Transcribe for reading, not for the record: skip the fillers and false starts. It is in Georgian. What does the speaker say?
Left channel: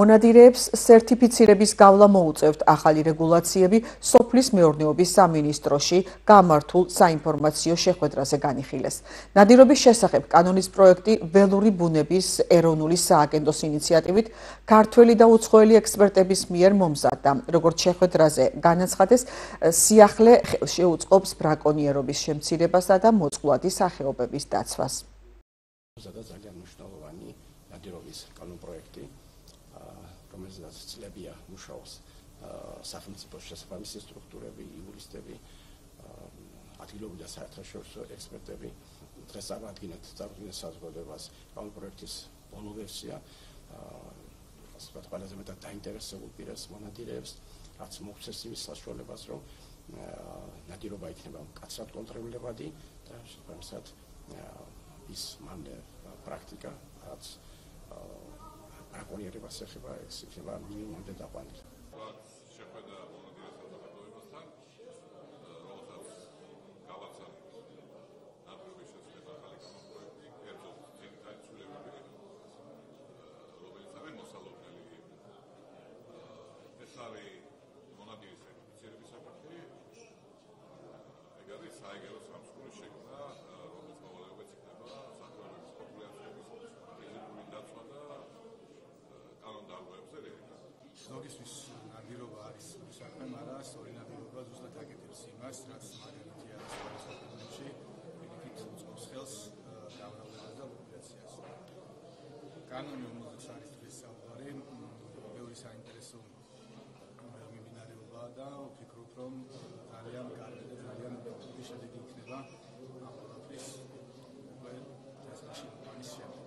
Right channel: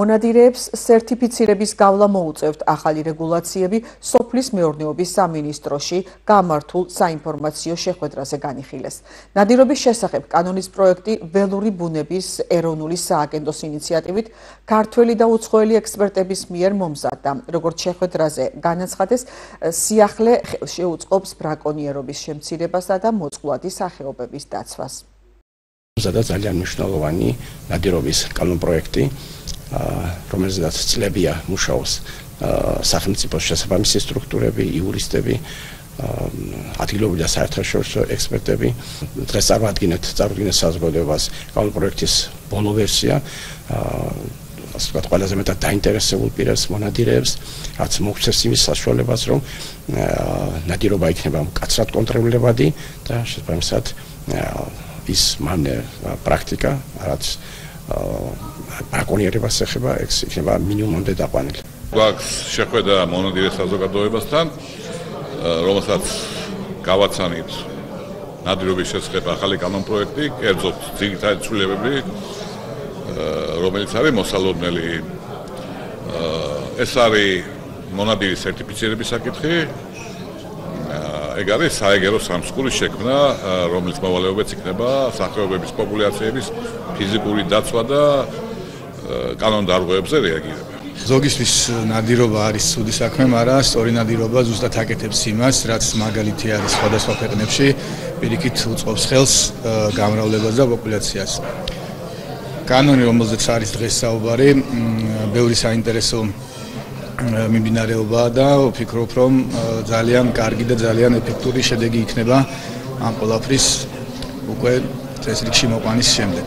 მონადირეებს სერტიფიცირების გავლა მოუწევთ ახალი რეგულაციები სოფლის მეურნეობის სამინისტროში გამართულ საინფორმაციო შეხვედრაზე განიხილეს. ნადირობის შესახებ კანონის პროექტი ველური ბუნების ეროვნული სააგენტოს ინიციატივით ქართველი და უცხოელი ექსპერტების მიერ მომზადდა. როგორც შეხვედრაზე განაცხადეს, სიახლე შეუწყობს ბრაკონიერობის შემცირებასა და მოწყვლადი სახეობების დაცვას. მომზადდა ძალიან მნიშვნელოვანი ნადირობის კანონპროექტი, რომელზედაც წლებია მუშაობს სახელმწიფოს შესაბამისი სტრუქტურები, იურისტები, ადგილობრივი და საერთაშორისო ექსპერტები. დღეს წარვადგენთ საზოგადოებას კანონპროექტის ბოლო ვერსია, ასე ვთქვათ, ყველაზე მეტად დაინტერესებულ პირებს, მონადირეებს, რაც მოგვცეს იმის საშუალებას, რომ ნადირობა იქნება მკაცრად კონტროლირებადი და შესაბამისად ის პრაქტიკა, რაც ბრაკონიერებას ეხება, ეს იქნება მინიმუმამდე დაყვანილი. გვაქვს შეხვედრა მონადირე საზოგადოებასთან, რომელსაც გავაცანით ნადირობის შესახებ ახალი კანონპროექტი, კერძოდ ძირითადი ცვლილებები, რომელიც არის მოსალოდნელი. ეს არის მონადირის სერტიფიცირების საკითხი. ეგ არის საეგერო სამსხურის შექმნა, რომელიც მოვალეობაც იქნება სახეობების პოპულაციების ფიზიკური დაცვა და კანონდარღვევებზე რეაგირება. ზოგისთვის ნადირობა არის ცუდი საქმე, მაგრამ სწორი ნადირობა ზუსტად აკეთებს იმას, რაც მაგალითი არის სხვადასხვა ქვეყნებში, პირიქით უწყობს ხელს გამრავლებას და პოპულაციას. კანონი, რომელზეც არის დღეს საუბარი, ბევრი საინტერესო მიმდინარეობაა და ვფიქრობ, რომ ძალიან კარგი და ძალიან ეფექტური შედეგი იქნება ამ ყველაფრის უკვე წესრიგში მოყვანის შემდეგ.